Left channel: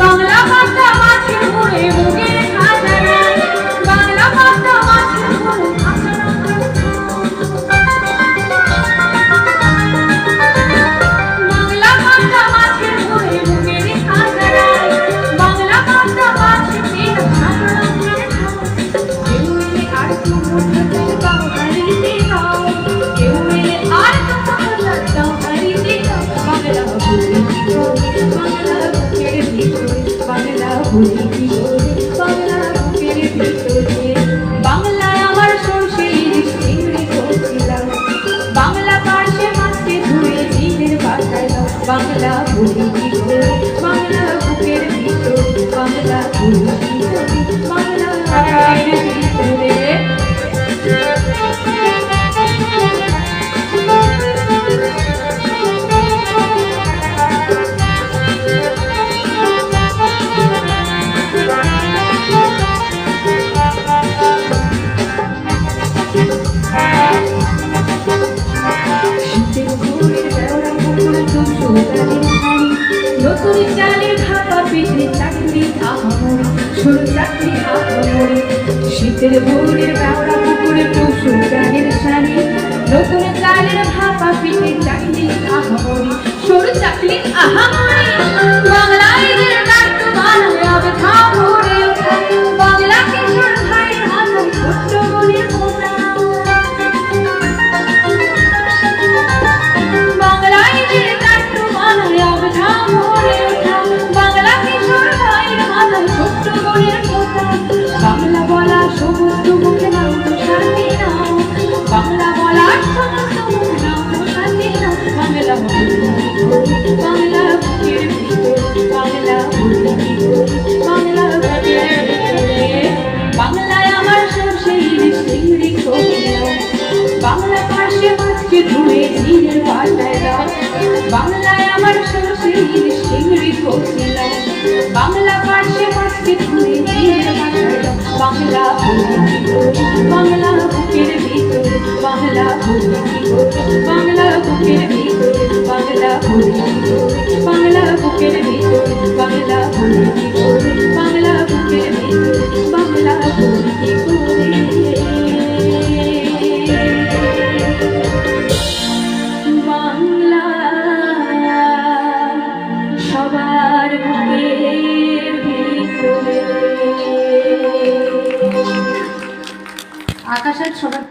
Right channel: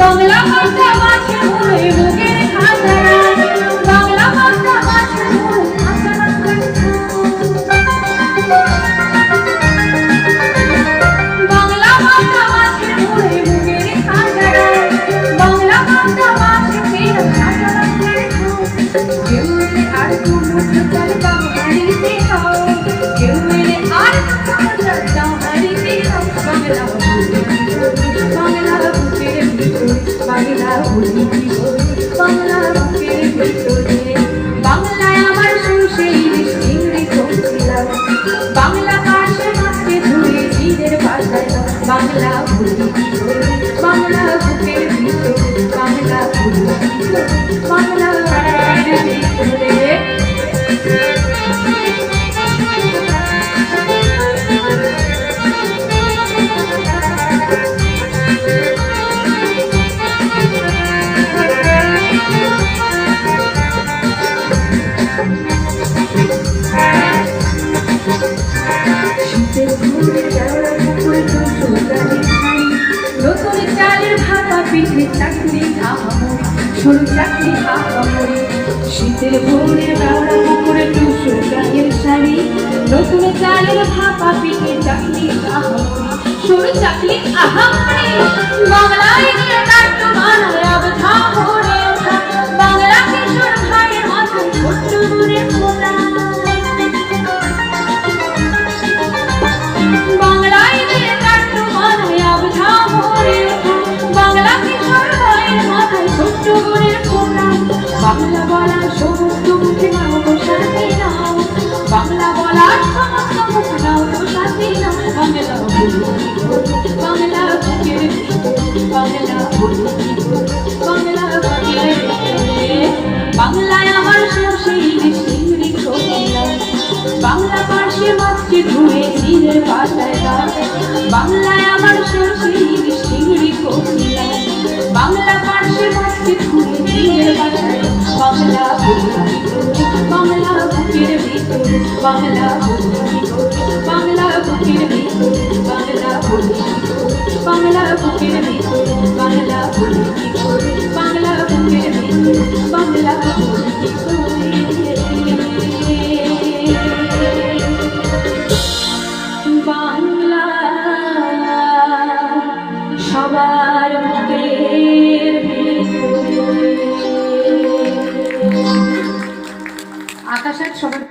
বাংলা ভাষা মাঝে মুড়ে বুকের খাজানা, বাংলা ভাষা মাঝে মুড়ে বাংলা ভাষা মাঝে মুড়ে বুকের খাজানা, বাংলা ভাষা মাঝে ফের খাজানা কেউ এলে আর কোনো প্রচার দাও হারিতে দাও, কেউ এলে আর কোনো প্রচার দাও হারিতে দাও। বাংলা বলি কি করে, বাংলা বুকের ভিতরে, বাংলায় আমার সেই চিংড়ি করছিলাম, বাংলা পাশে মাছকে ধুয়ে নিজের বাসায় দাও। বাংলা বলি কি করে, বাংলা বুকের ভিতরে, বাংলা বলি কি করে, বাংলা বুকের ভিতরে। নতুন চালের ভাপা পিঠে চাকরি আহামরি, সরু চাকরি আহামরি, শীতের ভোরের বেওড়া পুকুরে টুসু গায়ের শাড়ি, নতুন চালের ভাপা পিঠে চাকরি আহামরি, সরু চাকরি আহামরি। বাংলায় গানটা বানায় অবধা ভরে ওঠা, বাংলা কিশোর ভাইয়ের মতো ছোট্ট মনের ফোঁটা। বাংলা পাশে মাছকে ধুয়ে নিজের বাসায় দাও, বাংলায় আমার সরষের চিংড়ি করছিলাম, বাংলা পাশে মাছকে ধুয়ে নিজের বাসায় দাও। বাংলা বলি কি করে, বাংলা বুকের ভিতরে, বাংলা বলি কি করে, বাংলা বুকের ভিতরে, বাংলা বলি কি করে, বাংলা বুকের ভিতরে, বাংলা বলি কি করে, বাংলা বুকের ভিতরে, বাংলা বলি কি করে। সবার বুকের ভিতরে আকাশের সবার